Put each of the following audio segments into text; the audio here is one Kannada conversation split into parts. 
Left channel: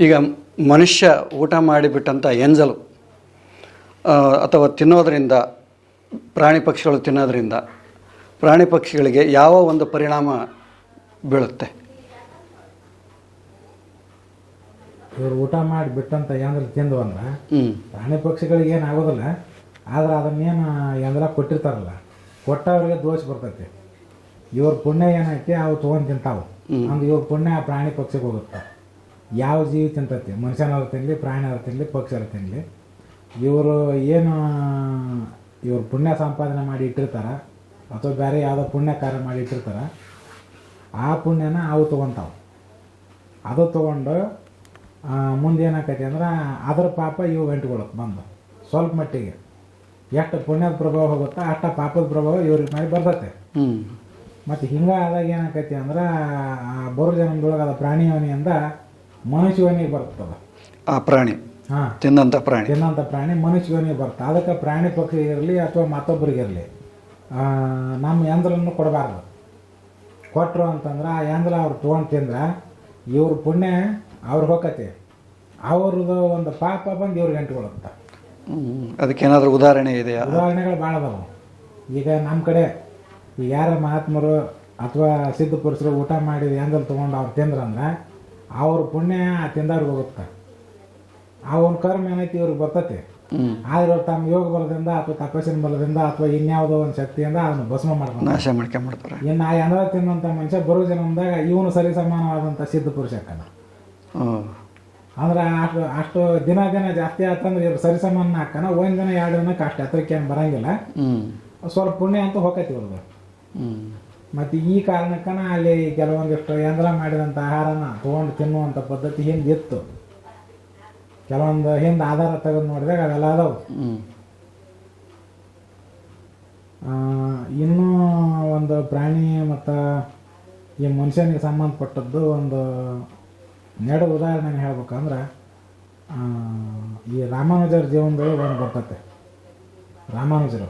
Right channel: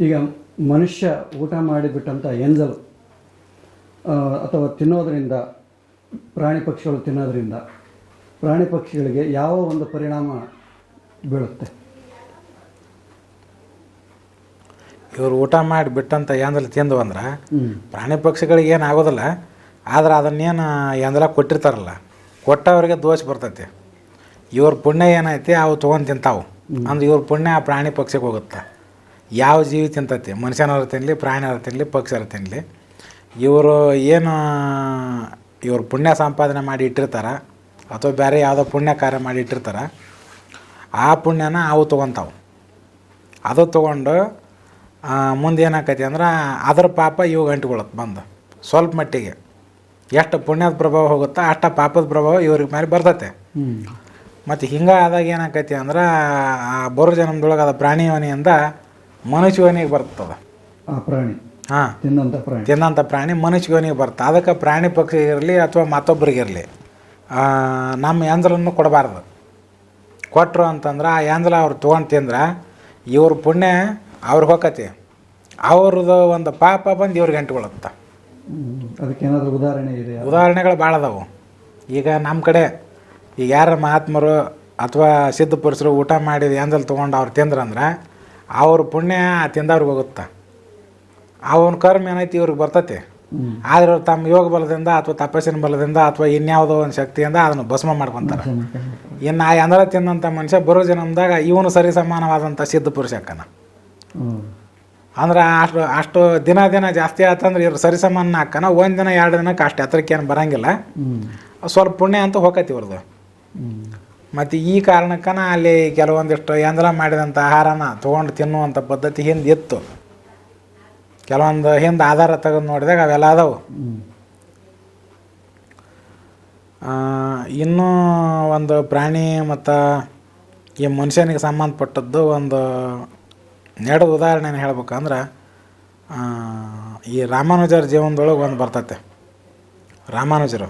ಈಗ ಮನುಷ್ಯ ಊಟ ಮಾಡಿಬಿಟ್ಟಂಥ ಎಂಜಲು ಅಥವಾ ತಿನ್ನೋದರಿಂದ ಪ್ರಾಣಿ ಪಕ್ಷಿಗಳು ತಿನ್ನೋದರಿಂದ ಪ್ರಾಣಿ ಪಕ್ಷಿಗಳಿಗೆ ಯಾವ ಒಂದು ಪರಿಣಾಮ ಬೀಳುತ್ತೆ? ಇವರು ಊಟ ಮಾಡಿ ಏನದಲ್ಲಿ ತಿಂದು ಅಂದ್ರೆ ಪ್ರಾಣಿ ಪಕ್ಷಿಗಳಿಗೆ ಏನು ಆಗೋದಿಲ್ಲ ಆದ್ರೆ ಅದನ್ನೇನು ಎಂದಲ ಕೊಟ್ಟಿರ್ತಾರಲ್ಲ ಕೊಟ್ಟವ್ರಿಗೆ ದೋಷ ಬರ್ತೈತಿ. ಇವ್ರ ಪುಣ್ಯ ಏನೈತಿ ಅವು ತೊಗೊಂಡು ತಿಂತಾವು. ಅಂದ್ರೆ ಇವ್ರ ಪುಣ್ಯ ಆ ಪ್ರಾಣಿ ಪಕ್ಷಿಗೆ ಹೋಗುತ್ತೆ. ಯಾವ ಜೀವಿ ತಿಂತತಿ? ಮನುಷ್ಯನವ್ರು ತಿನ್ನಲಿ ಪ್ರಾಣಿಯವ್ರು ತಿನ್ನಲಿ ಪಕ್ಷಿಯವ್ರು ತಿನ್ನಲಿ ಇವರು ಏನು ಇವರು ಪುಣ್ಯ ಸಂಪಾದನೆ ಮಾಡಿ ಇಟ್ಟಿರ್ತಾರೆ ಅಥವಾ ಬೇರೆ ಯಾವುದೋ ಪುಣ್ಯ ಕಾರ್ಯ ಮಾಡಿ ಇಟ್ಟಿರ್ತಾರೆ ಆ ಪುಣ್ಯನ ಅವು ತೊಗೊತಾವು. ಅದು ತೊಗೊಂಡು ಮುಂದೆ ಏನಾಕೈತಿ ಅಂದ್ರೆ ಅದರ ಪಾಪ ಇವು ಗಂಟುಕೊಳ್ಳುತ್ತೆ ಬಂದು. ಸ್ವಲ್ಪ ಮಟ್ಟಿಗೆ. ಎಷ್ಟು ಪುಣ್ಯದ ಪ್ರಭಾವ ಹೋಗುತ್ತೋ ಅಷ್ಟು ಪಾಪದ ಪ್ರಭಾವ ಇವ್ರಿಗೆ ಮೇಲೆ ಬರ್ತೈತೆ. ಮತ್ತು ಹಿಂಗೆ ಆದಾಗ ಏನಾಕೈತಿ ಅಂದ್ರೆ ಆ ಬರೋ ಜನ್ಮದೊಳಗೆ ಅದು ಪ್ರಾಣಿ ಯೋನಿಯಿಂದ ಮನುಷ್ಯ ಯೋನಿಗೆ ಬರ್ತದೆ. ಆ ಪ್ರಾಣಿ ಹಾಂ. ತಿಂದಂಥ ಪ್ರಾಣಿ. ತಿನ್ನಂಥ ಪ್ರಾಣಿ ಮನುಷ್ಯನಿಗೆ ಬರ್ತದೆ ಅದಕ್ಕೆ ಪ್ರಾಣಿ ಪಕ್ಷಿ ಇರಲಿ ಅಥವಾ ಮತ್ತೊಬ್ಬರಿಗಿರಲಿ ನಮ್ಮ ಯಂತ್ರವನ್ನು ಕೊಡಬಾರ್ದು. ಕೊಟ್ಟರು ಅಂತಂದ್ರೆ ಆ ಯಂತ್ರ ಅವ್ರು ತೊಗೊಂಡು ತಿಂದ್ರೆ ಇವ್ರ ಪುಣ್ಯ ಅವ್ರಿಗೆ ಹೋಗತಿ ಅವ್ರದ್ದು ಒಂದು ಪಾಪ ಬಂದು ಇವ್ರಿಗೆ ಅಂಟ್ಕೊಳುತ್ತೆ. ಹ್ಮ್. ಅದಕ್ಕೇನಾದರೂ ಉದಾಹರಣೆ ಇದೆ ಉದಾಹರಣೆಗಳು ಭಾಳ ಅದಾವು. ಈಗ ನಮ್ಮ ಕಡೆ ಈಗ ಯಾರ ಮಹಾತ್ಮರು ಅಥವಾ ಸಿದ್ಧ ಪುರುಷರು ಊಟ ಮಾಡಿದ ಎಂದಲ್ಲಿ ತೊಗೊಂಡು ಅವ್ರು ತಿಂದ್ರಂದ್ರೆ ಅವ್ರ ಪುಣ್ಯ ತಿಂದವ್ರಿಗೆ ಹೋಗುತ್ತೆ? ಅವನ ಕರ್ಮ ಏನೈತಿ ಇವ್ರಿಗೆ ಬರ್ತೈತಿ. ಆದ್ರೆ ಅವ್ರು ತಮ್ಮ ಯೋಗ ಬಲದಿಂದ ಅಥವಾ ತಪಸ್ಸಿನ ಬಲದಿಂದ ಅಥವಾ ಇನ್ಯಾವುದೋ ಒಂದು ಶಕ್ತಿಯಿಂದ ಅದನ್ನು ಭಸ್ಮ ಮಾಡ್ಕೊಂಡ್ ಮಾಡ್ಕೊಂಬಿಡ್ತಾರೆ ಇನ್ನು ಆ ಎಂದರ ತಿಂದಂಥ ಮನುಷ್ಯ ಬರೋ ಜನ್ಮದಾಗ ಇವನು ಸರಿ ಸಮಾನವಾದಂಥ ಸಿದ್ಧ ಪುರುಷಕ್ಕನ. ಅಂದ್ರೆ ಅಷ್ಟು ಅಷ್ಟು ದಿನ ದಿನ ಜಾಸ್ತಿ ಆತಂದ್ರೆ ಇವ್ರು ಸರಿ ಸಮಾನ ಹಾಕನ ಒಂದು ದಿನ ಎರಡು ದಿನಕ್ಕೆ ಅಷ್ಟು ಹತ್ರಕ್ಕೆ ಏನು ಬರಂಗಿಲ್ಲ ಸ್ವಲ್ಪ ಪುಣ್ಯ ಅಂತ ಹೋಗತಿ ಇವ್ರದ್ದು ಮತ್ತು ಈ ಕಾರಣಕ್ಕನ ಅಲ್ಲಿ ಕೆಲವೊಂದಿಷ್ಟು ಯಂದ್ರ ಮಾಡಿದಂಥ ಆಹಾರನ ತೊಗೊಂಡು ತಿನ್ನುವಂಥ ಪದ್ಧತಿ ಹಿಂದೆ ಇತ್ತು. ಕೆಲವೊಂದು ಹಿಂದೆ ಆಧಾರ ತೆಗೆದು ನೋಡಿದಾಗ ಅವೆಲ್ಲ ಅದಾವು ಇನ್ನೂ ಒಂದು ಪ್ರಾಣಿ ಮತ್ತು ಈ ಮನುಷ್ಯನಿಗೆ ಸಂಬಂಧಪಟ್ಟದ್ದು ಒಂದು ನಡೆದ ಉದಾಹರಣೆನ ಹೇಳ್ಬೇಕಂದ್ರೆ ಈ ರಾಮಾನುಜರ ಜೀವನದೊಳಗೆ ಒಂದು ಬರ್ತತೆ. ರಾಮಾನುಜರು.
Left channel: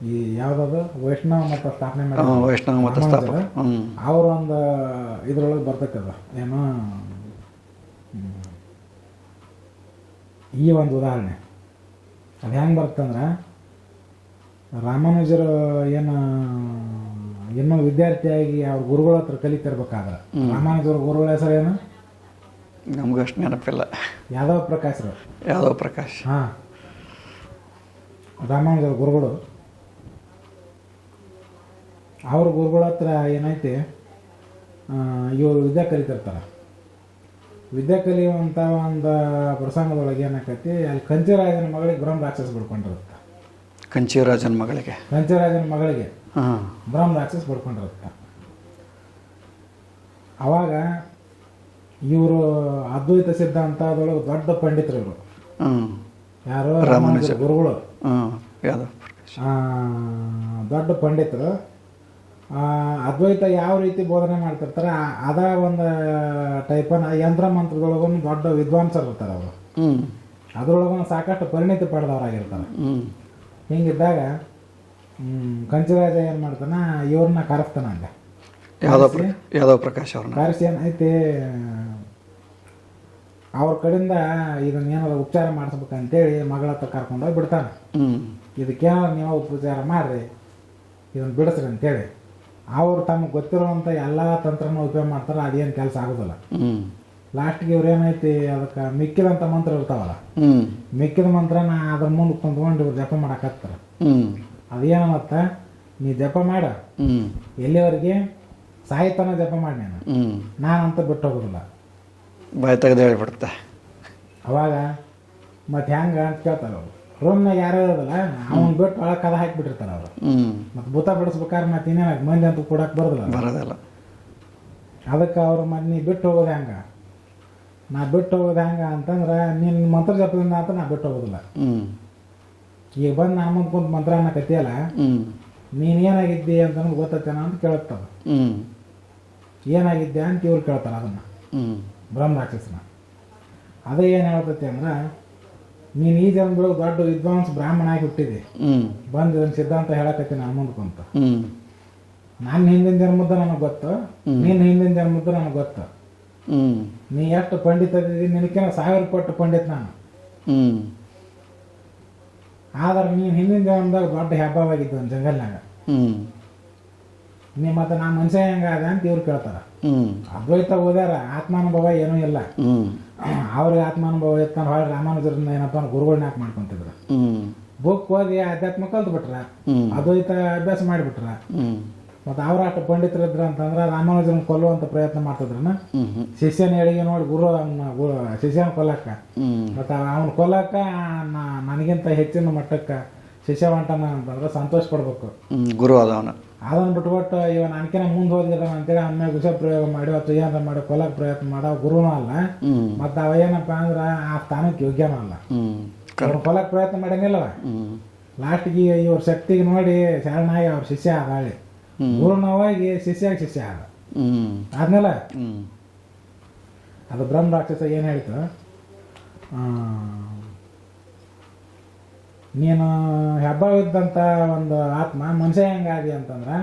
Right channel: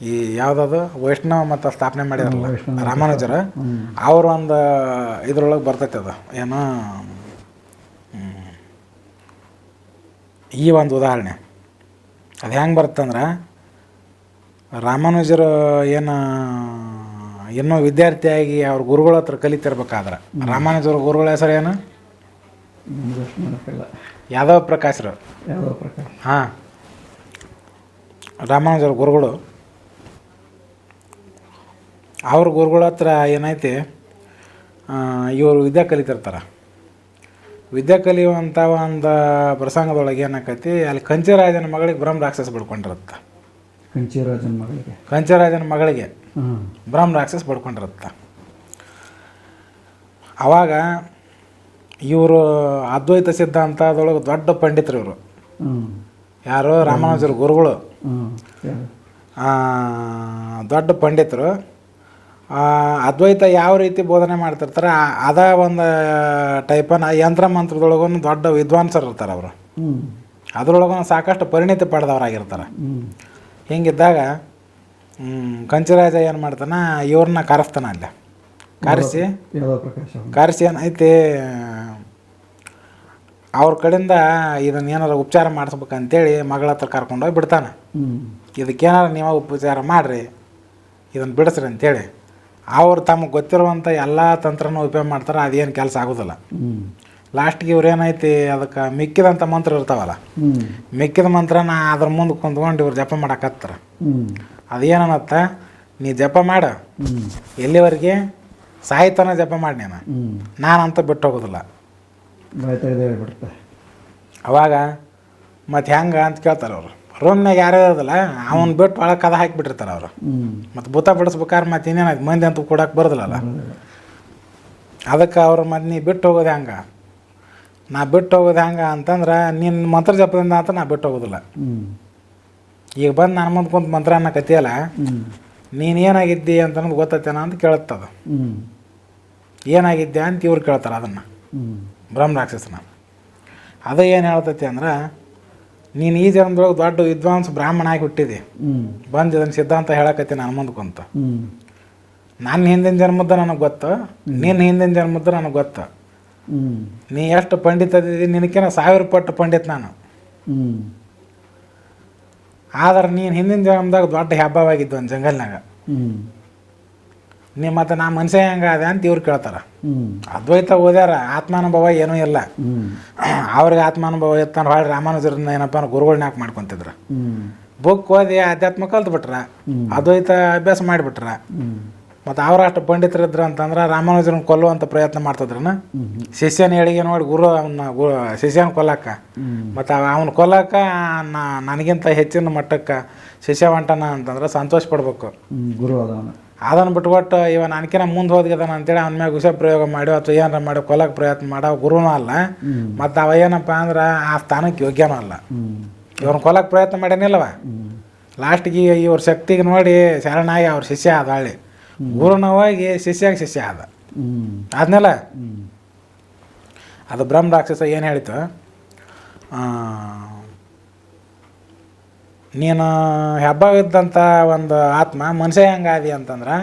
ಈ ಯಾವುದದು? ವೈಷ್ಣವ ಮತ್ತು ಸ್ಥಾಪನೆ ಮಾಡಿದ ಮಾಡಿದ್ರು ವೈಷ್ಣವ ರಾಮಾನುಜರ. ಅವ್ರ ಒಂದು ಇದ್ರೊಳಗೆ ಬರ್ತೈತೆ ಅದು. ಏನೋ ಈ ಒಂದು ಉದಾಹರಣೆ. ಅದು ಹೆಂಗೆ ಬರ್ತಂದ್ರೆ ರಾಮಾನುಜರು ಏನು ಇನ್ನೂ ವಿದ್ಯಾರ್ಥಿಯಾಗಿ ಅವ್ರ ಗುರುಗಳ ಹತ್ರ ಕಲಿತಿರ್ಬೇಕಾದ್ರೆ ರಾಮಾನುಜರ ಗುರುಗಳ ಹೆಸರು ಏನು? ನಮ್ಗೆ ಅಷ್ಟು ನೆನಪಿಲ್ಲ. ಯಾದವ ಪ್ರಕಾಶ್ರು. ಯಾದವ ಪ್ರಕಾಶ್. ಹಾಂ. ರಾಮಾನುಜರ ಗುರುಗಳು ಅವ್ರ ಗುರುಗಳ ಹತ್ರ ಏನೈತಿ? ಇವರು ವಿದ್ಯೆ ಕಲಿತಿರ್ತಾರೆ ವಿದ್ಯೆ ಕಲಿಯುವಂಥ ಒಂದು ಪ್ರಸಂಗದೊಳಗೆ ಏನಾಕೈತಿ ಅಲ್ಲಿ ಕಂಚಿರಾಜನ ಮಗಳಿಗೆ ಬ್ರಹ್ಮ ರಾಕ್ಷಸ ಬಿಡ್ಕೊಂಡಿರುತ್ತೆ. ಕಂಚಿರಾಜನ ಮಗಳಿಗೆ. ಕಂಚಿರಾಜನ ಮಗಳಿಗೆ ಬ್ರಹ್ಮ ರಾಕ್ಷಸ ಪಡ್ಕೊಂಡಿರುತ್ತೆ ಆವಾಗ ಇವರು ಅದ್ವೈತ ಸಿದ್ಧಾಂತದೊಳಗೆ ದೊಡ್ಡ ಪಂಡಿತರು ಇವರು. ಯಾರು ರಾಮಾನುಜರ ಗುರುಗಳು. ದೊಡ್ಡ ಪಂಡಿತರು. ಅದ್ವೈತ ಯಾವ ರೀತಿ ಬೋಧನೆ ಮಾಡ್ತಿರ್ತಾರೆ ಅದ ಒಂದು ಟೈಪನ ಯಂತ್ರ ಮಂತ್ರದೊಳಗೂ ದೊಡ್ಡ ವಿದ್ವಾಂಸರು ಇರ್ತಾರೆ ಅವರು. ಅದರೊಳಗೊಂದು ಅದ್ರೊಳಗೂ ಸಾಕಷ್ಟು ಪರಿಣಿತಿ ಪಡೆದವರಾಗಿರ್ತಾರೆ. ಹಿಂಗಿದ್ದಾಗ ಕಂಚಿರಾಜ ಏನು ಮಾಡ್ತಾನ ಇವ್ರನ್ನ ಕರೆಸ್ತಾನ ಅಲ್ಲಿ. ಕರೆಸಿ ಯಾದವ್ ಪ್ರಕಾಶ್ ಅವ್ರನ್ನ. ಕರೆಸಿ ಏನೈತಿ ಅವ್ರ ಕಡೆಯಿಂದ ಇದನ್ನ ಏನಾರ ಉಪಚಾರ ಮಾಡಿಸ್ಬೇಕಂತೇಳಿ ಮಗಳ ಹತ್ರ ಕರ್ಕೊಂಡೋಗಿ ಬಿಡ್ತಾನೆ. ಇದಕ್ಕೇನಾರು ನೀವು ಉಪಚಾರ ಮಾಡಿರಿ ಇದನ್ನು ಬಿಡಿಸ್ರಿ ಅಂತೇಳಿ. ಅವ್ರು ತಮಗೆ ಗೊತ್ತಿರುವಂಥ ಎಲ್ಲ ತಂತ್ರನೂ ಉಪಯೋಗ ಮಾಡ್ತಾರೆ ಅದೇನು ಕೆಲಸ ಆಗೋದಿಲ್ಲ. ಲಾಸ್ಟ್ಗೆ ಇವ್ರು ಏನೈತಿ ಅದಕ್ಕೆ ಮಿಕ್ಕಿದಂಥ ಮಂತ್ರ ಇರ್ತಾವಲ್ಲ. ಮಿಕ್ಕಿದ ಮಂತ್ರನ ಅದ್ರ ಮುಂದೆ ಕುಂತ್ಕೊಂಡು ಇವ್ರು ಜಪ ಮಾಡಕತ್ತಾರ. ಅದೇನತ್ತ ನೀ ಜಪ ಮಾಡ. ಎಲ್ಲಿವರೆಗೆ? ಸಾಹಿತ್ಯನ ಜಪ ಮಾಡಿ ನಾನು. ನಾನಂತ ಬಿಟ್ಟು ಹೋಗೋದಿಲ್ಲ. ಬಾಯ್ ತೆಗೆದು ಹೇಳಿಬಿಡುತ್ತೆ ಅವಾಗ ಮತ್ತು ಹೆಂಗೆ ಅಂತ ಕೇಳ್ತಾರೆ ಅವರು. ರೂಮ್ನಾಗ ಯಾರು ಇರೋದಿಲ್ಲ ಅವ್ನು ಬಿಟ್ಟು ಒಳಗೆ ಕದ ಹಾಕಿಬಿಟ್ಟಿರ್ತಾರೆ ಅವರು. ಮತ್ತು ಭೂತ ಬಿಡಿಸ್ಬೇಕಾದ್ರೆ ಮತ್ತೆ ಇನ್ನೇನಾಯ್ತು ಮಂದಿ ಅಂತೂ ಕೊಡಕ್ಕೆ ಬರೋದಿಲ್ಲ ಬರೋದಿಲ್ಲ. ಅದಕ್ಕೆ ಅವ್ರ ಮತ್ತೆ ನೀ ಬಿಟ್ಟು ಹೋಗೋದು ಹೆಂಗೆ. ನಾ ಬಿಟ್ಟು ಹೋಗೋದು ಹೆಂಗೆ ಅಂತಂದ್ರೆ ನಿನ್ನ ಮಂತ್ರ ಜಪದಿಂದ ಅಂತ ನಾ ಬಿಟ್ಟು ಹೋಗೋದಿಲ್ಲ. ಈಗ ಬಂದು ನಾನು ಮುಂದೆ ಕುಂತ ಮಂತ್ರ ಅನ್ನೋ ಕತಿಯಲ್ಲ ನೀನು ಏನಾಗಿದ್ದಿ ಅಂತ ನಮ್ಗೆ ಗೊತ್ತೈತೇನ ಅಂತ ಕೇಳುತ್ತದ ಏನಾಗಿದ್ದೆ ಅಂತ ಇವ್ರು ಕೇಳ್ತಾರೆ ಅದನ್ನು. ಬ್ರಹ್ಮ ರಾಕ್ಷಸನ ಅದು ಏನು ಹೇಳ್ತೈತಿ ಅಂದ್ರೆ ನೀನು ಈ ಜನ್ಮದೊಳಗೆ ದೊಡ್ಡ ವಿದ್ವಾಂಸ ಬ್ರಾಹ್ಮಣ ಆಗಿ ಹುಟ್ಟಿದಿ. ಬಂದು ಇದನ್ನು ಸಿದ್ಧಾಂತ ಹೇಳಕತ್ತಿ ನಾನು ಮುಂದ್ಕೊಂತ ಕುಂತ ನನ್ನ ಹಿಂದಿನ ಜನ್ಮದ ನನಗೆ ಗೊತ್ತು ನಿನ್ನ ಹಿಂದಿನ ಜನ್ಮದ ನನಗೆ ಗೊತ್ತು. ನೀ ಎಷ್ಟು ಪಂಡಿತ ಅದಿದ್ದೀನಿ ನಿನಕಿನ ಸಾವಿರ ಪಟ್ಟು ಪಂಡಿತ ನಾನು. ಆದ್ರೆ ನೀನು ಹಿಂದಿನ ಜನ್ಮದಾಗ ದೊಡ್ಡ ಹೆಬ್ಬವಾಗಿದ್ದು ಒಂದು ಜಂಗಲ್ನಾಗ. ಹ್ಞೂ ನೀ ಮತ್ತು ನಾ ಮನುಷ್ಯ ಹೆಂಗ ಅದ ಅಂತ ಇವ್ರು ಕೇಳ್ತಾರ. ಅದ್ವೈತ ಓದ್ಯಾರ ಆತ್ಮಾನುಭವ ಏನೂ ಇಲ್ಲ. ಅವ್ರಿಗೆ ಆತ್ಮಾನುಭವ ಇತ್ತಾನ ಹೊಳ್ಳಿ ರಾಮಾನುಜರನ್ನ ಏನಪ್ಪ ಗುರುಗಳನ್ನ ಯಾಕೆ ಮಾಡ್ಕೊಂತಿದ್ರ? ಬುಕ್ ಓದಿ ಆಧ್ಯಾತ್ಮ ಕಲ್ತ್ಬಿಟ್ರ ಬಿಟ್ರ ಅದ್ವೈತ ಅಭ್ಯಾಸ ಮಾಡಿಬಿಟ್ರ. ಮತ್ತು ಅವ್ರ ಅಷ್ಟು ಪಂಡಿತರಿದ್ರು ಅಂತಂದ್ರೆ ರಾಮಾನುಜರನ್ನ ಕೊಲ್ಲುವಂಥ ಪ್ರಯತ್ನ ಮಾಡ್ತಿದ್ರನ? ಶಿಷ್ಯನ ಹೇಳಿಗೆ ನೋಡಿ ಗುರು ಅವನ್ನ ಶಿಷ್ಯನ ಕೊಲ್ಲಕ್ಕ ಮತ್ತು ಅವನ ಕೊಲ್ಲಕ್ಕ ನನಗಿಂತ ಹೆಚ್ಚಿನ ಮಟ್ಟಕ್ಕೆ ಶಿಷ್ಯ ಹೊಂಟನ ಅಂತಂದ್ರೆ ಸಂತೋಷ ಪಡ್ಬೇಕು. ಗುರು ಅದವನ ಅದನ್ನು ಬಿಟ್ಕೊಟ್ಟು ಇವ ನನಕಿನ ಮುಂದೆ ಹೋದ್ಗದಾನ ಅಂತೇಳಿ ಅವನ ಮ್ಯಾಗ ಪ್ರಯೋಗ ಮಾಡಿ ಅಥವಾ ಏನಾರ ಮಾಡಿ ಕೊಲಕ್ಕೆ ಪ್ರಯತ್ನ ಮಾಡೋ ಗುರುನೂ ಅಲ್ಲ. ಮತ್ತು ಅವ ಏನಪ್ಪ ಅಂದ್ರೆ ಆ ಸ್ಥಾನಕ್ಕೆ ಯೋಗ್ಯನೂ ಅಲ್ಲ. ಇವ್ರನ್ನ ಕೊಲ್ಲಕ್ಕೆ ಪ್ರಯತ್ನ ಮಾಡ್ಯಾನಿಲ್ಲವ. ಲಾಸ್ಟಿಗೆ ಇವ್ರ ಶಕ್ತಿಗೆ ನೋಡಿ ಶರಣಾಗಿ ಅವ್ರ ಶಿಷ್ಯ ಆದ ಹಳ್ಳಿ ಗುರುನ ಹೋಗಿ ಶಿಷ್ಯಾಗ ಶಿಷ್ಯ ಆದ. ಆದ್ಮೇಲೆ ಅದು ಬ್ರಹ್ಮ ರಾಕ್ಷಸ ಏನು ಹೇಳಿತು? ನೀನು ಹೆಬ್ಬವಿದ್ದಂಥ ಒಂದು ಆತ್ಮ ಮನುಷ್ಯ ಹೆಂಗಾದಿ ಅಂತಂದ್ರೆ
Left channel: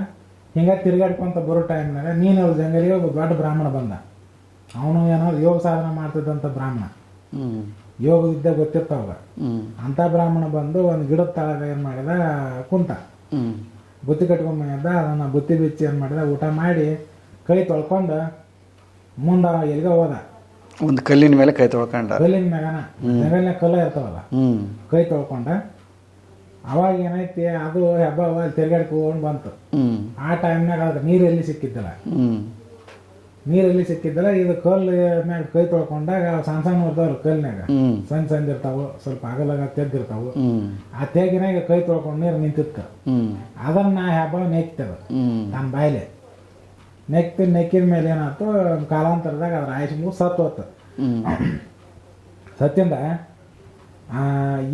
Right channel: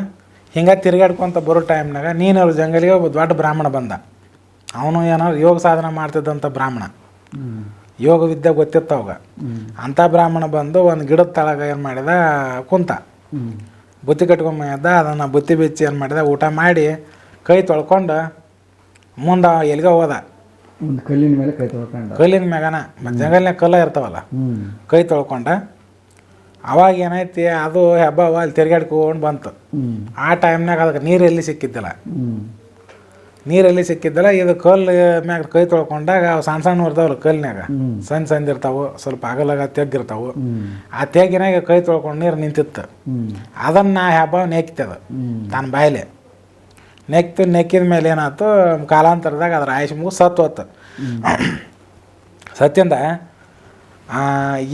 ಹಿಂಗೆ ತಿರುಗಾಡ್ಕೊಂತ ಬರೋ ಟೈಮ್ನಾಗ ನೀನು ಅವ್ರ ಜಂಗಲಿಗೆ ಒಬ್ಬ ದೊಡ್ಡ ಬ್ರಾಹ್ಮಣ ಬಂದ. ಅವನು ಏನೋ ಯೋಗ ಸಾಧನೆ ಮಾಡ್ತಿದ್ದಂಥ ಬ್ರಾಹ್ಮಣ. ಯೋಗ ವಿದ್ಯೆ ಗೊತ್ತಿತ್ತು ಅವಾಗ. ಅಂಥ ಬ್ರಾಹ್ಮಣ ಬಂದು ಒಂದು ಗಿಡದ ತಳಗ ಏನು ಮಾಡಿದ? ಕುಂತ. ಬುತ್ತಿ ಕಟ್ಕೊಂಬಂದ ಅದನ್ನು ಬುತ್ತಿ ಬಿಚ್ಚಿ ಏನು ಮಾಡಿದೆ? ಊಟ ಮಾಡಿ ಕೈ ತೊಳ್ಕೊಂಡು ಮುಂದೆ ಎಲ್ಲಿಗೆ ಹೋದ. ಒಂದು ಕಲ್ಲಿನ ಮೇಲೆ ಕೈ ತೊಳ್ಕೊಂಡ. ಕಲ್ಲಿನ ಮ್ಯಾಗನ ಜಂಗಲ್ನಾಗ ಕಲ್ಲ ಇರ್ತಾವಲ್ಲ ಕೈ ತೊಳ್ಕೊಂಡ. ಅವಾಗ ಏನೈತಿ ಅದು ಹಬ್ಬ ಅಲ್ಲಿ ತಿರ್ಗಾಡ್ಕೊಂಡು ಬಂತು. ಆ ಟೈಮ್ನಾಗ ಅದಕ್ಕೆ ನೀರು ಎಲ್ಲಿ ಸಿಕ್ಕಿದ್ದಿಲ್ಲ. ಹ್ಞೂ ನೀರು ಎಲ್ಲಿ ಸಿಕ್ಕಿದ್ದಿಲ್ಲ ಇದು ಕಲ್ಲು ಮ್ಯಾಗ ಕೈ ತೊಳ್ಕೊಂಡಾಗ ಅವು ಸಣ್ಣ ಸಣ್ಣ ಇರ್ತಾವಲ್ಲ ಕಲ್ನ್ಯಾಗ ಹ್ಞೂ ಸಣ್ಣ ಸಣ್ಣ ಇರ್ತಾವು ಸ್ವಲ್ಪ ಅಗಲಾಗ ತೆಗ್ಗಿರ್ತಾವು ಆ ತೆಗ್ಗಿನಾಗ ಕೈ ತೊಳ್ಕೊಂಡು ನೀರು ನಿಂತಿತ್ತು. ಅದನ್ನ ನಾ ಹಬ್ಬ ನೆಕ್ತದ ತನ್ನ ಬಾಯಿಲೆ. ನೆಕ್ತು ನೆಕ್ಕಿದ ಮೇಲೆ ಏನಾಯ್ತು ಕಾಲಾಂತರದಾಗ ಅದ್ರ ಆಯುಷ್ ಮುಗಿದು ಸತ್ತು ಹೋತು. ಸತ್ಯಂದ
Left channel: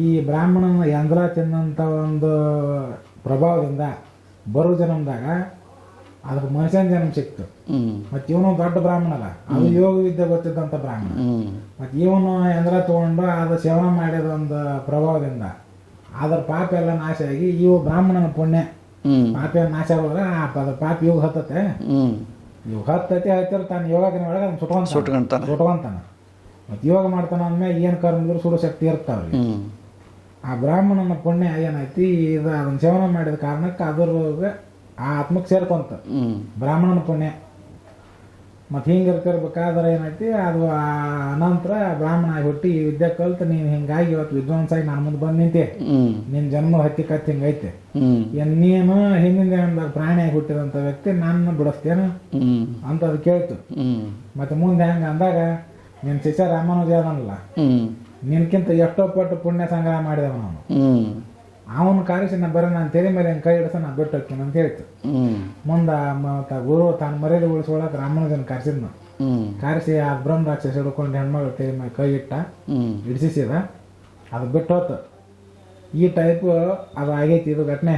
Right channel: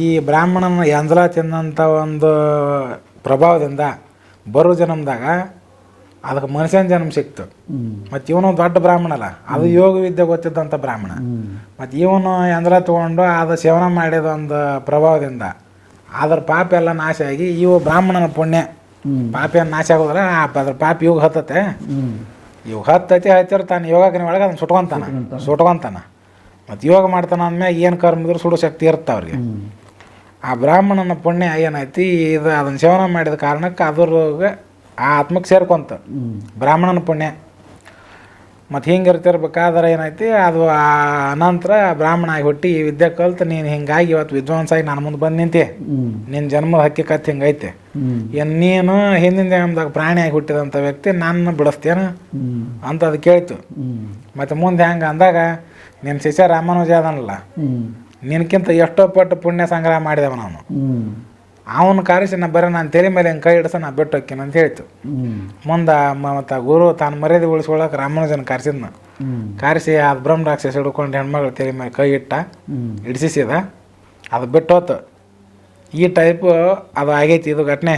ಈ ಬ್ರಾಹ್ಮಣನ ಎಂಜಲ ತಿಂದಂಥ ಒಂದು ಪ್ರಭಾವದಿಂದ ಬರೋ ಜನ್ಮದಾಗ ಅದಕ್ಕೆ ಮನುಷ್ಯನ ಜನ್ಮ ಸಿಕ್ತು. ಮತ್ತು ಇವನು ದೊಡ್ಡ ಬ್ರಾಹ್ಮಣ ಅಲ್ಲ ಅದು ಯೋಗ ವಿದ್ಯೆ ಗೊತ್ತಿದ್ದಂಥ ಬ್ರಾಹ್ಮಣ. ಮತ್ತು ಇವನು ಎಂಜಲ ತೊಗೊಂಡು ಅದು ಸೇವನ ಮಾಡಿದ ಒಂದು ಪ್ರಭಾವದಿಂದ ಅದರ ಪಾಪ ಎಲ್ಲ ನಾಶ ಆಗಿ ಇವು ಬ್ರಾಹ್ಮಣನ ಪುಣ್ಯ. ಪಾಪ ಏನು ನಾಶ ಆಗೋದ್ರೆ ಆ ಅದ್ರ ಪಾಪ ಇವಾಗ ಹತ್ತತೆ ಇವಾಗ ಹತ್ತತೆ ಹತ್ತೈತಿ ಹತ್ತಿರ್ತಾನೆ ಯೋಗಾಗ್ನಿ ಒಳಗೆ ಅದನ್ನ ಸುಟ್ಕೊಂತ ಸುಟ್ಕೊಂತಾನೆ. ಮತ್ತು ಯೋಗ ಮಾಡ್ತಾನೆ ಅಂದ್ಮ್ಯಾಗ ಏನು ಕರ್ಮ ಇದ್ರೂ ಸುಡೋ ಶಕ್ತಿ ಇರುತ್ತೆ ಅವ್ರಿಗೆ. ಆ ಬ್ರಾಹ್ಮಣನ ಪುಣ್ಯ ಏನೈತಿ ಇದು ಅದನ್ನು ಸೇವನೆ ಮಾಡಿದ ಕಾರಣಕ್ಕೆ ಅದ್ರಾಗ ಆ ಆತ್ಮಕ್ಕೆ ಸೇರ್ಕೊಂತ. ಬ್ರಾಹ್ಮಣನ ಪುಣ್ಯ. ಮತ್ತು ಹಿಂಗೆ ಇರ್ತಿರ್ಬೇಕಾದ್ರೆ ಏನೈತಿ ಅದು ಆ ಅನಂತರ ಬ್ರಾಹ್ಮಣ ಆಗಿ ಹುಟ್ಟಿ ಈ ವಿದ್ಯೆ ಕಲ್ತು ನೀನು ಹಿಂಗಾಗಿ ಇವತ್ತು ವಿದ್ವಾಂಸಾಗಿ ನಾನು ಮುಂದೆ ಬಂದು ನಿಂತೆ. ನಿನ್ನ ಜನ್ಮದ ಹಕ್ಕಿಕತ್ ಹಿಂಗೈತೆ ಏನು ನೀನು ಹಿಂದಿನ ಜನ್ಮದಾಗ ಪ್ರಾಣಿಯಾಗಿ ಹುಟ್ಟಿದಂಥ ವ್ಯಕ್ತಿ ನನ್ನ ಬಿಡಿಸ್ತೇನೆ ಅಂತ ಅದು ಕೇಳ್ತು. ಮತ್ತು ಮುಂದೆ ಹೆಂಗೆ ಅಂದಾಗ ನಿನ್ನ ಶಿಷ್ಯ ರಾಮಾನುಜ ಅದನಲ್ಲ ನಿನ್ಕಿಂತ ಎಷ್ಟೋ ಪಟ್ಟು ಪುಣ್ಯ ಸಂಗ್ರಹ ಮಾಡಿದವ ನಾನು ಹ್ಞೂ ಅವನ ಕಾರಿಸಿ ನಾ ಬರೀ ನಾನು ತೆರೆ ಮೇಲೆ ಕೈ ಹಿಡ್ಸ ನಾ ಬಿಟ್ಟು ಹೋಗ್ತೀನಿ ಅಂತ ಹೇಳ್ತು. ಮುಂದೆ ಮತ್ತು ಗುರು ತಾನು ಮರ್ಯಾದೆ ಉಳಿಸ್ಕೊಳಕ್ಕೆ ರಾಮಾನುಜನ ಕಾರಿಸಿದ್ನ. ಕಾರಿಸಿ ಆ ಬ್ರಹ್ಮ ರಾಕ್ಷಸ ಹಿಡ್ಕೊಂಡು ಹೆಣ್ಮಗಳು ತೆರೆ ಮೇಲೆ ಕೈ ಇಟ್ಟ ಹಿಡಿಸಿಸಿದ. ಹಿಡಿಸಿದ ಅದು ಬಿಟ್ಟು ಹೋತು. ಈ ಟೈಪ್ ಅದು ಆಗೈತಿ ಇದು ಘಟನೆ.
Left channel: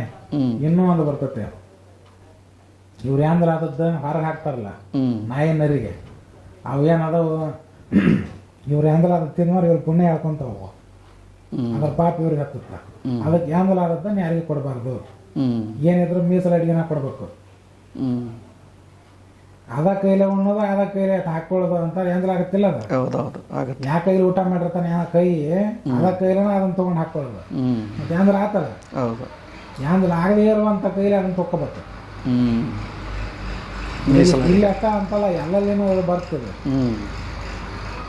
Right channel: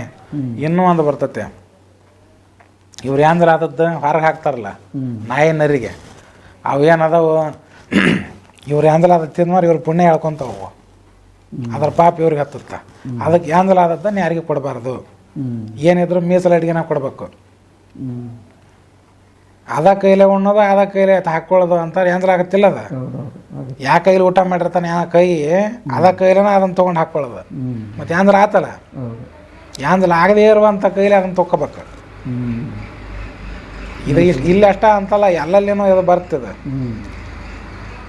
ಇನ್ನೂ ಒಂದು ಬರ್ತತೆ. ಇವ್ರು ಏನಂದ್ರೆ ಆದದ್ದು ಹೊರಗೆ ಹಾಕ್ತಾರಲ್ಲ. ನಾಯಿ ನರಿಗೆ ಅವು ಏನದಾವು ಇವ್ರು ಯಾಂದಲಾದ ತಿನ್ನೋರು ಇವ್ರು ಪುಣ್ಯ ಹೇಳ್ಕೊಂತಾವು ಅದ್ರ ಪಾಪ ಇವ್ರಿಗೆ ಹತ್ತುತ್ತ. ಅದಕ್ಕೆ ಯಾಂದಲಾದದ್ದನ್ನು ಯಾರಿಗೆ ಕೊಡಬಾರ್ದು. ಏನಿದ್ರು ಮೀಸಲು ಅಡಿಗೆನ ಕೊಡಬೇಕು. ಅದ ಕೈಲೇ ಉಣ್ಣೋದು ಅದ ಕೈಲೇ ಹಾಕೊಳ್ಳೋದು ಅಂತ ಯಾಂದಲ ಆಗತ್ತಿಲ್ಲ ಅದ. ಯಾ ಕೈಲಿ ಊಟ ಮಾಡಿರ್ತಾನೆ ಯಾ ಕೈ ಅದ ಕೈಲೇನ ಅದನ್ನ ತೊಗೊಂಡು ಹಾಕೊಳ್ಳೋದು ಮತ್ತೆ ಯಾಂದಲ ಆತಲ್ಲ. ಹೌದು. ಯಾಂದಲ ಆಗದೇ ಇರುವಂಥ ಕೈಲಿ ಅದನ್ನ ತೊಗೋಬೇಕು ಇದು ಇಲ್ಲಿ ಅಷ್ಟ ಅಂತಲ್ಲ ಎಲ್ಲಲ್ಲಿನೂ ಇದು ಬರ್ತದೆ.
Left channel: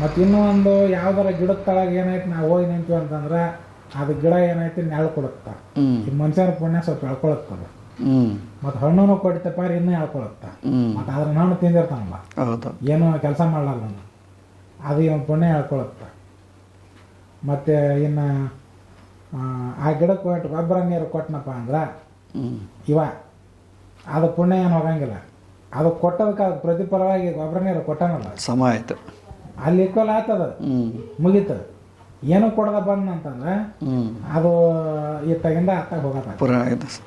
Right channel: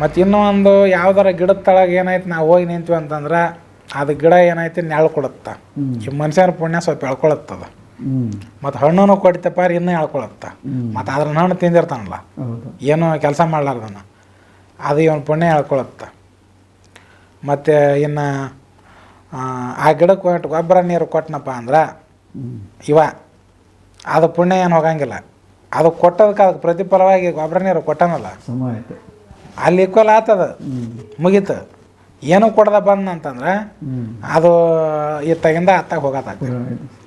ಮತ್ತು ಇನ್ನೂ ಒಂದು ಯಾವ್ದಾರ ಗಿಡದ ತಳಗೆ ಏನಾಯ್ತು ನಾವು ಹೋಗಿ ನಿಂತೀವಿ ಅಂತಂದ್ರೆ ಅದು ಗಿಡ ಏನಾಯ್ತು ನೆಳ ಕೊಡುತ್ತೆ. ಈ ಮನುಷ್ಯನ ಪುಣ್ಯ ಸ್ವಲ್ಪ ಎಳ್ಕೊಳತ್ತದ. ಮತ್ತು ಹಣ್ಣು ರೀ ಇನ್ನೂ ಎಳ್ಕೊಳತ್ತ. ಹ್ಞೂ ಮತ್ತು ಅದ್ರ ಹಣ್ಣು ತಿಂದಿರ್ತಾನಲ್ಲ. ಹೌದು. ಏನು ಕೆಲಸ ಮಾಡ್ಲಾರ್ದನ. ಅದು ಇವನು ಪುಣ್ಯ ಎಳ್ಕೊಳತ್ತ. ಮತ್ತು ಇನ್ನು ಆ ಗಿಡಕ್ಕೆ ಕೊಟ್ಟು ಗೊಬ್ಬರ ನೀರು ಕೊಟ್ಟನಪ್ಪ ಅಂದ್ರೆ ಇವ ಅದು ಪುಣ್ಯ ಏನು ಹೋಗಂಗಿಲ್ಲ. ಅದು ಕೊಟ್ಟದಕ್ಕೆ ಅದಕ್ಕೆ ಪ್ರತಿಫಲವಾಗಿ ಗೊಬ್ಬರ ನೀರು ಕೊಟ್ಟನಲ್ಲ. ಸಮ ಆಯಿತು. ಅಲ್ಲಿ ಈಕ್ವಲ್ ಆತದ. ಮುಗೀತು. ಏನು ಕೊಡದ ಬಂದ ಅಂತಂದ್ರೆ ಅದು ಇತ್ತಾಗಿಂದ ಅತ್ತಾಗ ಹೋಗತ್ತ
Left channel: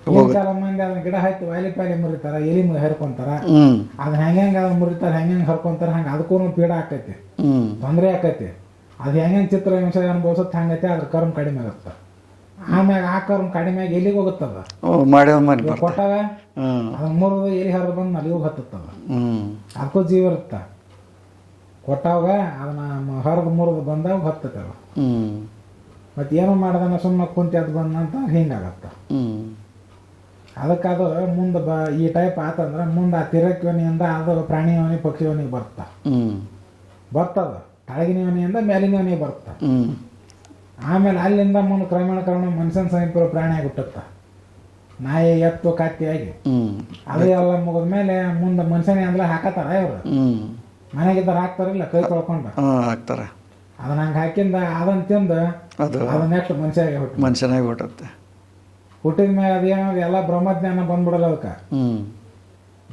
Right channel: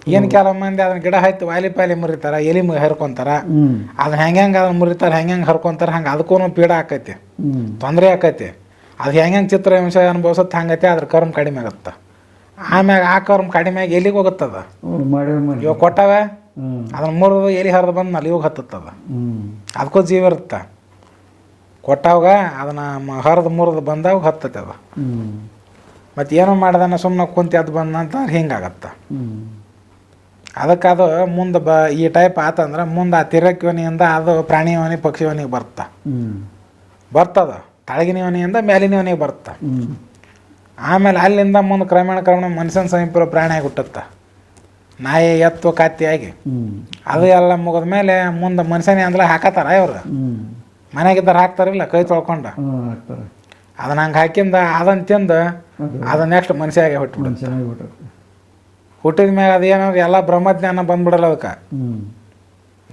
ಏನು ಕೆಲವು ಮಂದಿ ಅದನ್ನ ಗಿಡ ಹತ್ತಿ ವಾಲಿ ಪಾಲಿ ಮುರಿತಾರ ಎಲಿ ಹರ್ಕೊಂತಾರ ಅದು ಅದನ್ನ ಹೆಂಗೆ ಹೆಂಗೆ ಅದನ್ನ ಮುರಿತಾರ ಹೆಂಗೆ ಹೆಂಗೆ ಹರ್ಕೊಂತಾರ ಹಂಗೆ ಅದಕ್ಕೂ ಪೀಡ ಆಕೈತಿ. ತೊಂದರೆ ಆಕೈತಿ. ಅದು ಹೆಂಗೆ ಹೆಂಗೆ ಚಿತ್ರ ಹಿಂಸೆ ಅನುಭವಿಸುತ್ತೆ ಹಂಗೈತಿ ಅದ್ರ ಕರ್ಮ ಕಡಿಮೆ ಆಗುತ್ತೆ. ಆಮ್ಯಾಗ ಆ ಕರ್ಮ ಕಡಿಮೆ ಆಗಿ ಎಲ್ಲಿಗೆ ಹೋಗುತ್ತದ. ಇವಾಗ ಕೊಟ್ಟವೆ ಅದನ್ನ ಮುರಿದು ಎಲಿ ಹರಿದು ಬಂದ್ ಅಲ್ಲಿ ಇವಾಗ ಹತ್ತದ ಅದಕ್ಕೂ ಜೀವ ಇರುತ್ತೆ. ಕೊಟ್ಟಾವಾಗ ಅದನ್ನು ಹರಿದು ಮುರಿದು ಬಂದಾಗ ಹತ್ತತೆ ಅದು. ಮತ್ತೆ ಏನೋ ಮಾಡ್ದಾನ ಸುಮ್ಮನೆ ಕುಂತಿ ಅದು ಬಂದಂತ ಹಿಂಗಾಗತ್ತೆ. ಅದಕ್ಕೆ ಅದು ಮುಂದೆ ಬ ಈ ಟೈಪ್ ಆತಂದ್ರೆ ಮುಂದೆ ಆ ತಿರಕ್ಯೋನಿಯಿಂದ ಅದು ಪ್ರಾಣಿ ಯೋನಿ ಪಕ್ಷಿ ಯೋನಿಗೆ ಬರ್ತಾ. ಹ್ಞೂ ಬರ್ತದ. ತಳಗಿನ ಯೋನಿಯಿಂದ ಮೇಲಿನ ಯೋನಿಗೆ ಬರ್ತಾ. ಹ್ಞೂ ಆಮೇಲೆ ಅಲ್ಲಿಂದ ಮುಂದೆ ಕ್ರಮೇಣ ಕ್ರಮೇಣ ಮನುಷ್ಯನ ಸಮೀಪ ಪ್ರಾಣಿಯಾಗಿ ಹುಟ್ಟತ್ತ. ನಾಯಿ, ಎತ್ತು ಕತ್ತಿಯಾಗಿ ಅದು ಎಲ್ಲ ಮುಗಿದ ಮೇಲೆ ಮುಂದೆ ಮನುಷ್ಯನೇ ಅಂದ್ರೆ ಹಾಕತ್ತಾರ ಇವ್ರು. ಮನೆಗಿದ್ದಾರೆ ಹಾಕ್ತಾರಲ್ಲ ಕೈ ತೊಳ್ಕೊಂಡು. ಹಾಂ ಹಾಕ್ತಾರೆ. ಅದನ್ನ ಹಂಗೆ ಹಾಕಿಂದ ಅದನ್ನ ತಿಂದು ಅದು. ಅದನ್ನ ನೆಕ್ಸ್ಟ್ ಮನುಷ್ಯಾಗೆ ಹುಟ್ಟು ಮನುಷ್ಯನಾಗಿ ಹುಟ್ಟುತ್ತೆ. ಹುಟ್ಟಿದ ಮೇಲೆ ಅದು ಏನಾದ್ರು ಎಲ್ಲ ಬ್ರಹ್ಮಜ್ಞಾನ ಬಂದ್ಬಿಡಲ್ಲ ಅದಕ್ಕೆ. ಹ್ಞೂ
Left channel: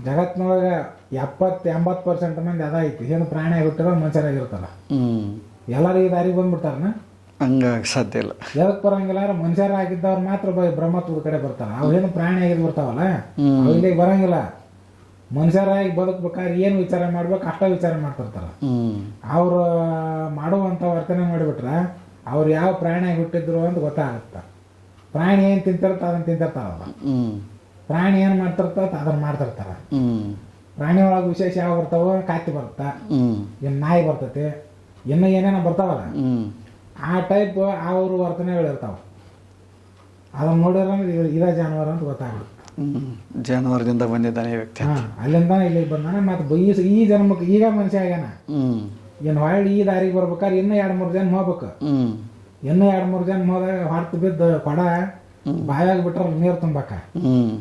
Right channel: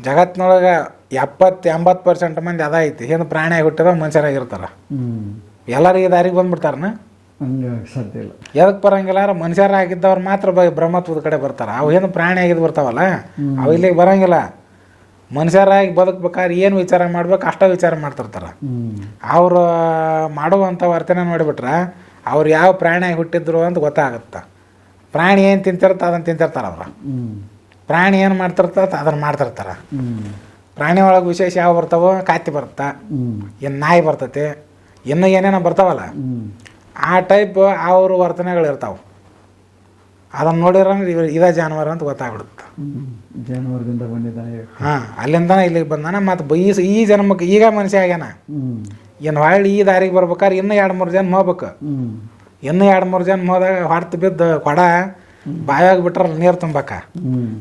ಜಗತ್ತಿನೊಳಗೆ ಎಪ್ಪತ್ತು ಎಂಬತ್ತು ಪರ್ಸೆಂಟ್ ಮಂದಿ ಅದ ಐತಿ. ಹಿಂದೆ ಪ್ರಾಣಿಯಾಗಿ ಹುಟ್ಟಿದ ಮನುಷ್ಯರಾಗಿರ್ತಾರೆ ಎಲ್ಲರಿಗೆ ದಾರಿಗೆ ಬಂದ್ಬಿಡ್ತಾರನ? ಹಂಗಾಗಿ ಸಾಧ್ಯ ಇಲ್ಲ. ಯಾವ್ದಕ್ಕೆ ಬರಂಗಿಲ್ಲ ಮನುಷ್ಯರಾಗಿದ್ದವ್ರು ಮಾತ್ರ ಬ್ರಹ್ಮತ್ವದ ಕಡೆ ಬರ್ತಾರೆ. ಅವು ಏನು ಪ್ರಾಣಿ ಆಗಿದ್ದು ಬರ್ತಾವಲ್ಲ. ಅವು ಇಲ್ಲಿಗೆ ಬರಂಗಿಲ್ಲ. ಮನುಷ್ಯರಾಗಿ ಬದುಕ್ಬೇಕಾದ್ರೆ ಏನು ವಿಚಾರ ಮಾಡ್ಬೇಕು, ಅಷ್ಟ ವಿಚಾರ ಮಾಡ್ತಿರ್ತಾರೆ. ಅವರು ಮಾಡುವಂಥ ವರ್ತನೆ ನೋಡಿಬಿಟ್ರೆ ಅವ್ರು ಯಾವ ಪ್ರಾಣಿಯಾಗಿ ಹುಟ್ಟಿದ್ರು ಅಂತ ಗೊತ್ತಾಗುತ್ತೆ. ಪ್ರಾಣಿ ಏನು ತಿಂತಿರ್ತ ಅದನ್ನು ತಿಂತಿರ್ತಾರೆ ಅವ್ರು. ಪ್ರಾಣಿ ಏನು ಮಾಡ್ತಿರ್ತದ ಅದನ್ನು ಮಾಡ್ತಿರ್ತಾರೆ. ಪ್ರಾಣಿ ಒಳಗೆ ವಿಶೇಷ ಯಾವ ಬರ್ತಾವೋ ಕಾತಿ ಬರುತ್ತೆ. ಇನ್ನು ನಾಯಿ ಬರ್ತೈತಿ, ಇನ್ನು ಏನೇನೋ ಬರ್ತಾವಲ್ಲ. ಆ ಟೈಪ್ ಅವ್ರ ವರ್ತನೆಗಳು ಇರ್ತಾವೆ ಅದನ್ನು ನೋಡಿರಂದ್ರೆ ಇವ ಇದೇ ಜಾನುವಾರು ಅಂತ ಗೊತ್ತಾಗ್ಬಿಡುತ್ತೆ. ಜಾನುವಾರದಿಂದ ಬಂದಿದ್ದಾನೆ ವ್ಯಕ್ತಿ. ಹಾಂ ಅಲ್ಲಿಂದನೇ ಇಲ್ಲಿಗೆ ಬಂದಾನ ಮತ್ತು ಈ ಈ ಜನ್ಮಕ್ಕೆ ಈಗ ಮನುಷ್ಯ ಆಗ್ಯಾನ. ಏನು ಹೊಳ್ಳಿ ಈ ದಾರಿಗೆ ಬರ್ಬೇಕಾದ್ರೆ ಇನ್ನೂ ಎರಡು ಮೂರು ಜನ ಹೋಗ್ಬೇಕು. ಇನ್ನೂ ಎರಡು ಮೂರು ಜನ ಹೋದಾಗ ಹೊಡ್ತು ಬಿದ್ದು ಕೊಡ ಬಾಯಾಗ ಬಿಟ್ರ ನೀರು ತುಂಬಾಕ.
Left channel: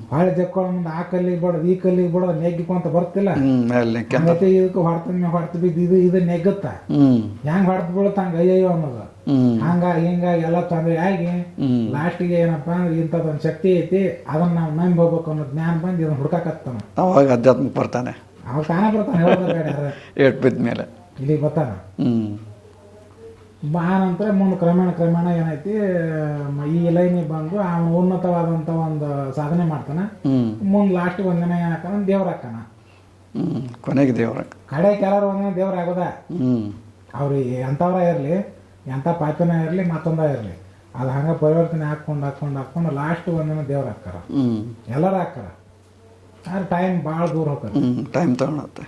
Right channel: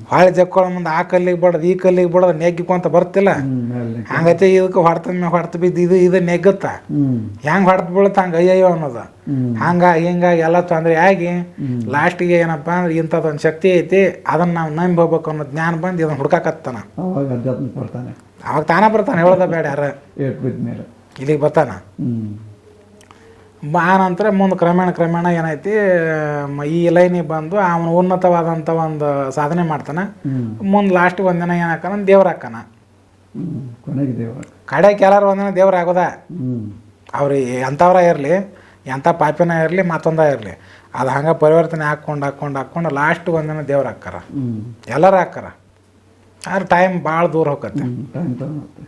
ಹೊಳೆ ಜಕ್ಕೊಳ ಮುಂದೆ ಆ ಕಲ್ಲಿಗೆ ಬಡದ್ ಈ ಕಲ್ಲಿಗೆ ನೆಗ್ಗಿಕ್ಕೋ ಅಂತ ಬರ್ತಿಲ್ಲ. ಹಂಗತೆ ಇದಕ್ಕೆ ಹೊಡ್ತ ಹೊಡ್ತು ಬಿದ್ದು ಇದು ಇದು ನೆಗ್ಗುತ್ತ. ಹೆಂಗ್ ಹೊಡ್ತ ಹೊಡ್ತು ಹಂಗ ಅಯ್ಯಯ್ಯೋ ಅನ್ನೋದು. ಹಂಗ ಹಿಂಗ ಎಲ್ಲ ತೊಂದರೆ ಆಗಿ ಲಾಸ್ಟ್ ಲಾಸ್ಟಿಗೆ ಏನಪ್ಪ ಅಂದ್ರೆ ಇಂಥದ್ದೊಂದು ಶಕ್ತಿ ಐತಿ ಅದನ್ನ ನಾವು ನಂಬಿ ಹೋಗ್ಬೇಕು ಅನ್ನೋ ಜ್ಞಾನ ಬಂದು ಇದನ್ನ ಹುಡ್ಕಾಕತ್ತಾನ. ಅವಾಗ ಅಧ್ಯಾತ್ಮಕ್ಕೆ ಬರ್ತಾನೆ. ಅವಾಗ ತಾನೇ ಬರ್ತಾನೆ ಹೇಳೋದ ಬೇಡ ಯಾರ. ಏಟ್ ಬಿದ್ದ ಮೇಲೆ ಇಲ್ಲಿಗೆ ಬರ್ತಾನ. ಹ್ಞೂ ಆ ನಂತರ ಮುಂದೆ ಕ್ರಮೇಣ ಕ್ರಮೇಣ ಏನೈತಿ ಈ ಲೈನಿಗೆ ಬಂದು ಅವನು ಉನ್ನತವಾದಂಥ ಒಂದು ಸಾಧನೆ ಮಾಡ್ತಾನೆ. ಮುಂದೆ ಲಾಸ್ಟಿಗೆ ಒಂದಿನ ಏನಾಕನ ದೇವ್ರ ಹಾಕನ. ಕೊನೆಗೆ ದೇವ್ರ ಕಡೆಗೆ ಎಲ್ಲರೂ ಒಂದಿನ ದೇವ್ರ ಆಗೋದ? ಅವ್ರು ಎಂಥವ್ರ ಇರಲಿ ಎಂಥ ಪಾಪಿನ ಇರಲಿ ಮತ್ತೊಂದ ಇರಲಿ ಅದು ಹಂಗೆ ಪರಿವರ್ತನೆ ಹಾಕ್ಕೊಂಡು ಹಾಕ್ಕೊಂಡು ಹಾಕ್ಕೊಂಡು ಲಾಸ್ಟ್ ಒಂದಿನ ದೇವ್ರ ಹಾಕಾರ ಎಲ್ಲರೂ ಹಾಕಾರ ಆದ್ರೆ ಟೈಮ್ ಭಾಳ ದೂರ ಹೋಗತ್ತೆ ಟೈಮ್ ತೊಗೊಳತ್ತೆ